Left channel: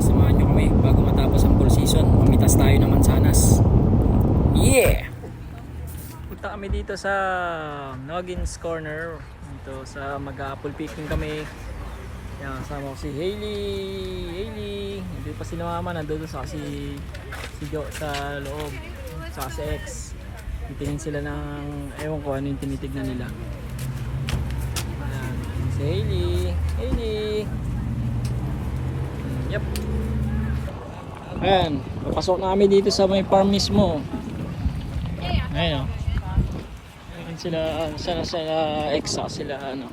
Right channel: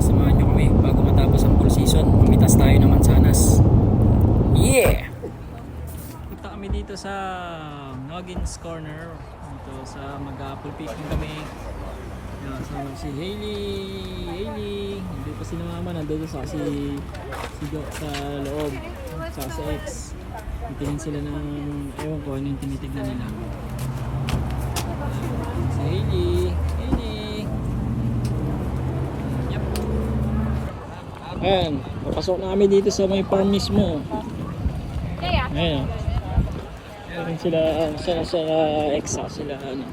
samahan nyo kami bago matapos ang full season. Mamitas tayo ng mansanas. Yeah! Punta kami dito sa Noggins Corner. Dito sa mag-apple picking kami. Yan, kasama ko si Hailey. Hindi pa si mama, nandun sa si Jo sa loob. Saka si X. Titingin sila ng, ewan ko ano yung tinitignan nila. Si Hailey. Yep. Ayan, pasok na kami dito sa may farm mismo. Ayan o. Ayan sila, sila X, sila ano.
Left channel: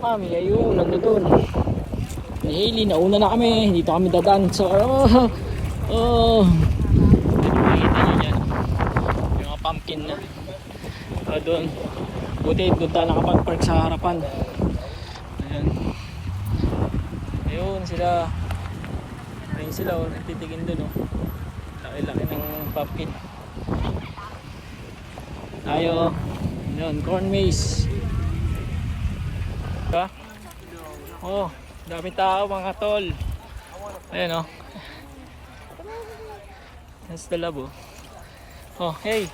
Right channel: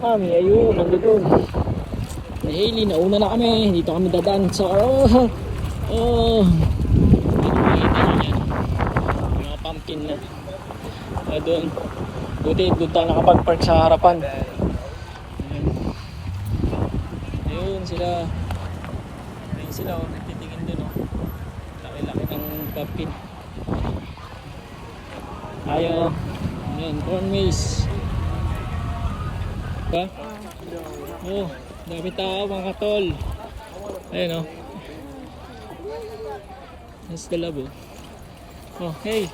Mami, ayun, nandun. May Hailey, nauna na kami. Dito kami dadaan sa, pumpkin na doon. Buti doon tayo nakapag-park sa harapan. Ayan. Ayun sila. Ayun sila titingin doon. Laki-laki ng pumpkin. Tayo. Ayan, corn maze. Diba? Oh, dami tao mga tol. Ayan o. That's the labo. Oh, hey.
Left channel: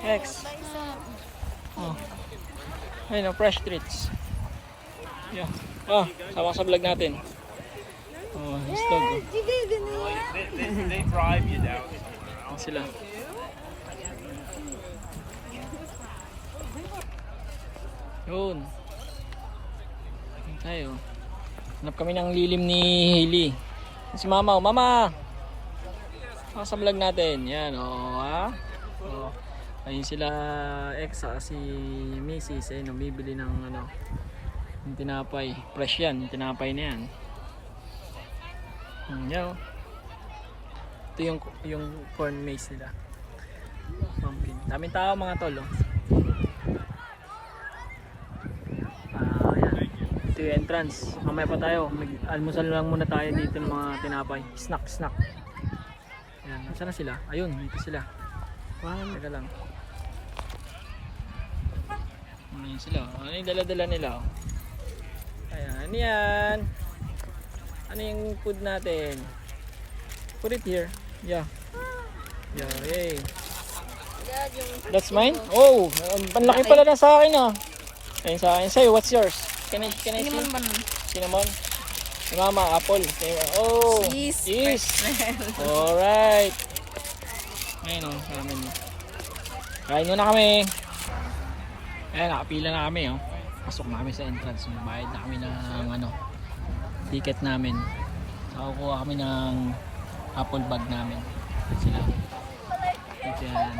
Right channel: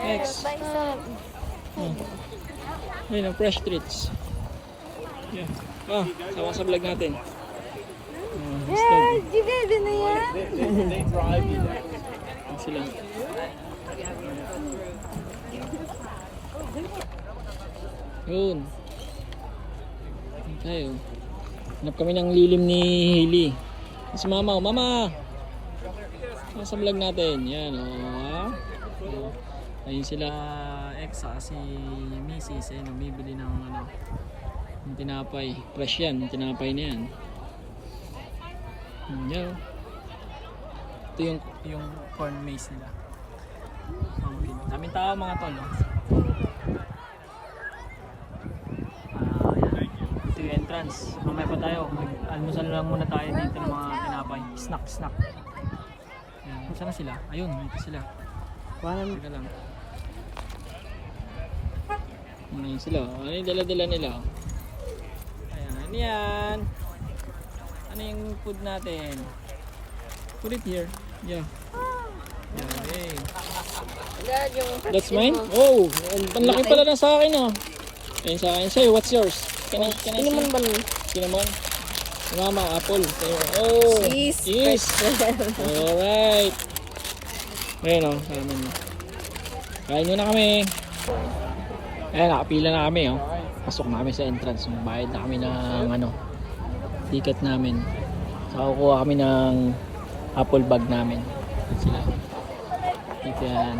X. Oh. Ayun ang fresh treats. Yeah. Oh, sama sa vlog natin. Oh, hustog. They drive you down. Sila. Yun. Tayo. Hanap kami ng lilim ni Hailey. Si Mama, oh, Mama. Oh, sa vlog natin. Yan, oh, ha? Oh. Ayun sila X, si Mrs. Ayun, bibili ng ano, yung tinapay. Fresh yan, yung tinapay na yan. Yan, oh. Ito yung corn maze nila. Okay. Daming tao mga tol, oh. Yan. Ito yung entrance. Mamaya pa tayo. Mag-almusal lang muna tayo dito ng mga tinapay. Snack. Yan. Saan na sila? Ayun, dito sila. Teka lang. Ayun sila. Ano yung dala-dala nila? Ayan. Ano yan? Ano yung food natin? Put it here. Yeah. Yay. That's mine? Oh, ang laki pala na sa akin ah. Ayun sa akin. Sa'yo, what's yours? Can I see? Cinnamon. Mama, apple. Oh, cheese. Alright. Ayun o, namin. Kain muna kami. Ayan, nakapila na kami oh. Pasok na kami sa entrance. Bayad na kami ng ano, ticket namin. So, kukuha kami ng apple bag namin. Sila. Ito yan.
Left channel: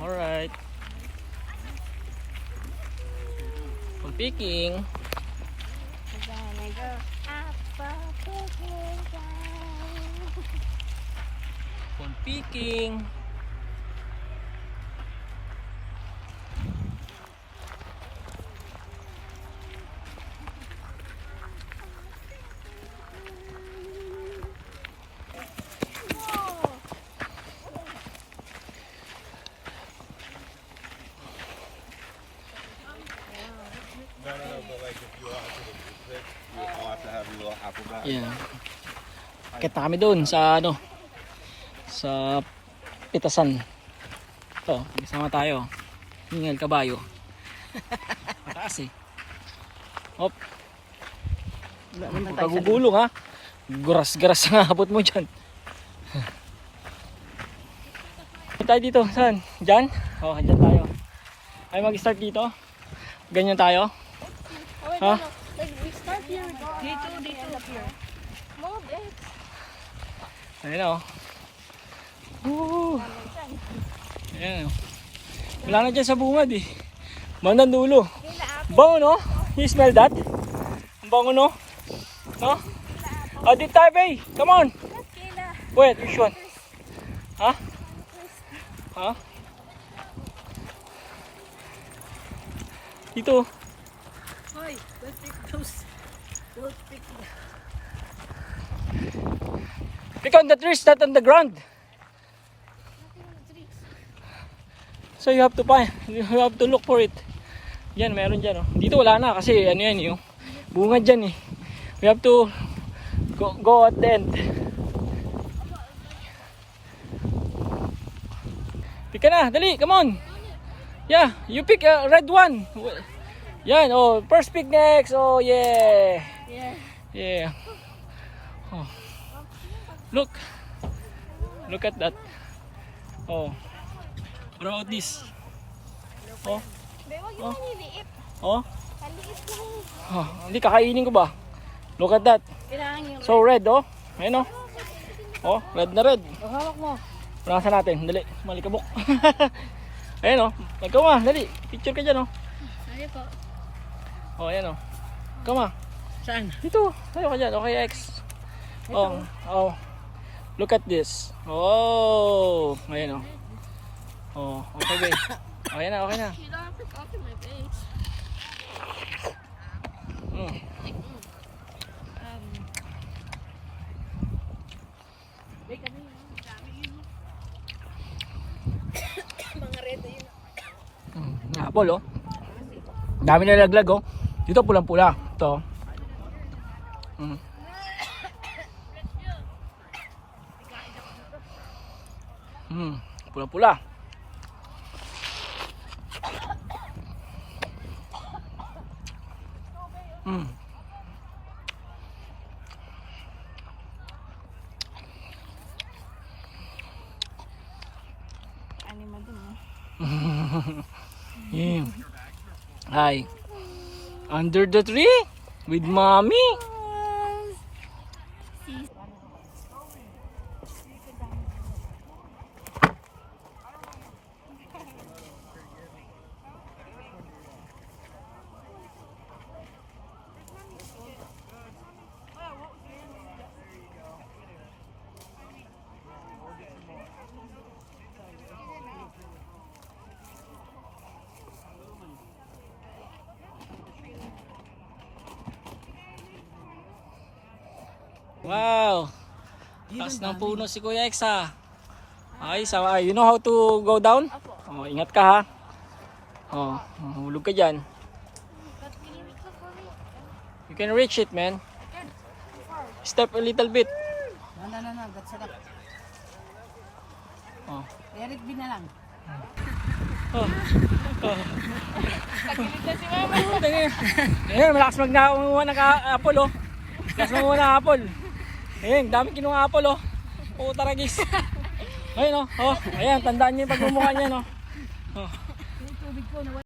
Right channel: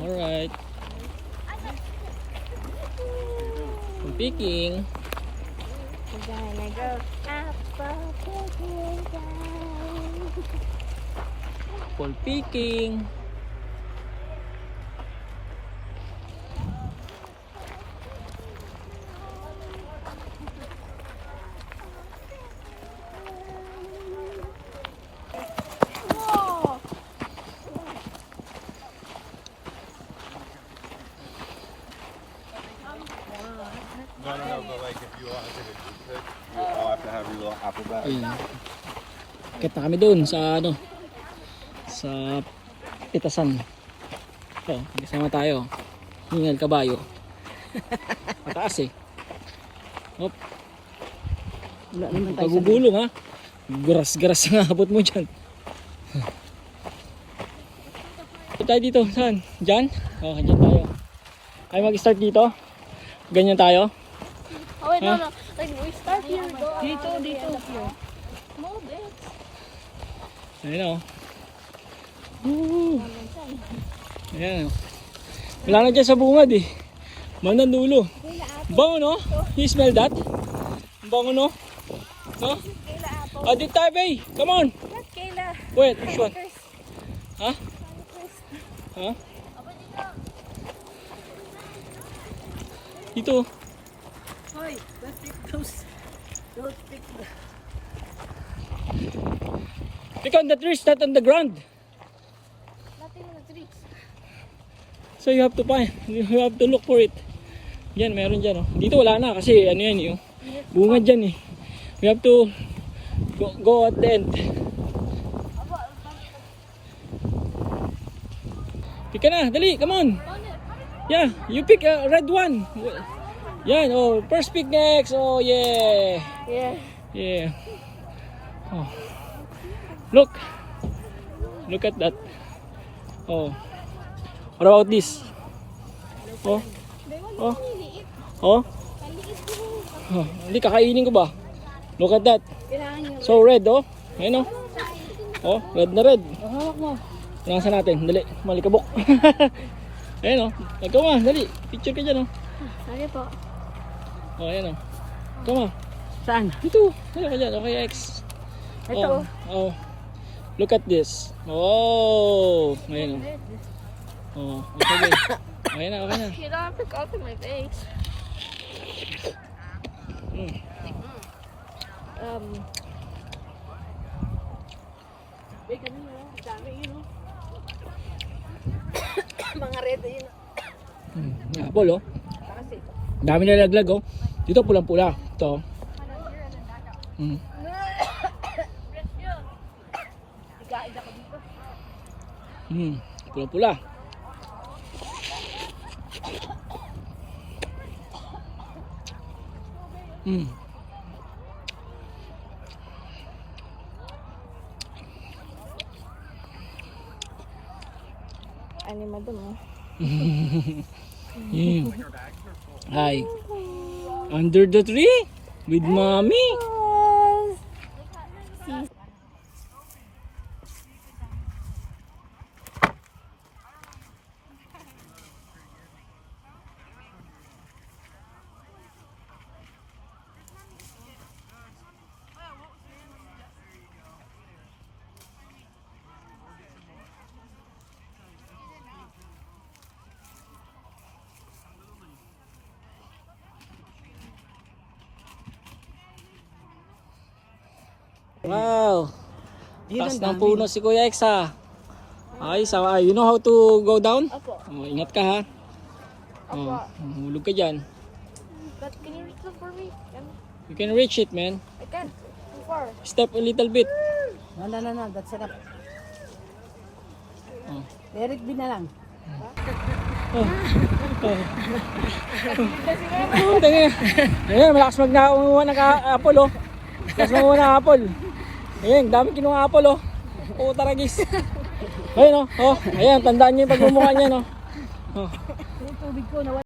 Alright. Picking. We're gonna go apple picking time. Apple picking. Ayan. Kita kami doon sa ano, sa pitasan. Ito, kasama tayo. Hingal kabayo. Mataas eh. Hop. Pagugulong ha. Guras-garas ang abot mo dyan. Tayo dito, saan? Dyan? Oh, dyan tayo. Ay mag-start dito? Ganyan tayo? Oh, wait, huh? no. We start here. Dito. Here. Ayan o. Ayan o. Wala na dyan sa bungad eh. Manang dulo. Bango no? You smell that? Bango no? No? Oh, dito tayo bay. Come on. Wait, which one? Ha? Ha? Dito. Hoy, let's pick those. Don't pick the... Pick on the trees, not on the ground. Nothing in the trees. So you have to find, you have to look for it. Yan, meron dyan oh. Dito wala na kasi ano yan yung Bunga dyan eh. We have to go at the end. Pick ka na, dali, come on. Yeah, you pick a red one. Yan, oh, first pick next. Oh, yeah. Yeah. Yeah. Oh. Look. Look at that. Oh. What about this? Oh. Oh. Oh. Oh, hindi kakainin ko ba? Look at that. So red, oh. Ayun, oh. Oh, red na red. Hawak mo. Punasan natin. Dali, malikabok. Ayun, oh. Nagkawa, dali. Picture ka dyan, oh. Sorry po. Oh, ayan, oh. Kama. Saan? Dito. Tayo ka dyan. Okay, X. Ito. Oh. Oh. Look at this. Oh. Ayun, oh. Oh, okay, babe. Okay na, okay na. You don't have to copy my face. Mm. Wait, kami mo. Dami yun, oh. Mga red yun. Apple, oh. Dami na laglag, oh. Dito pulang-pula. Ito. Mm. Pula-pula. Ano mo dun, oh? Yeah. Hi. Under the tree with mommy. Wow. Taas ng puno si Kuya X, ha. Ay, you know how to go down? Opo. Oh, ingat ka, ha. Oh, hulog ka dyan. But can you reach it for me? You can reach it, man. I can't. Too far. Step a little bit. No. That's enough. Oh. Let it be na lang. Oh. Oh, tingin. Ayan, malakas magnakuha ng apple, oh. Malakas magnakuha ng apple. Ayan, dami kinuha apple, oh. Puta ragis. Ayun, oh. Oh, ayan, tandaan niyo yung pagmumukha niya, no. Oh. Yung tubig ko, nawala.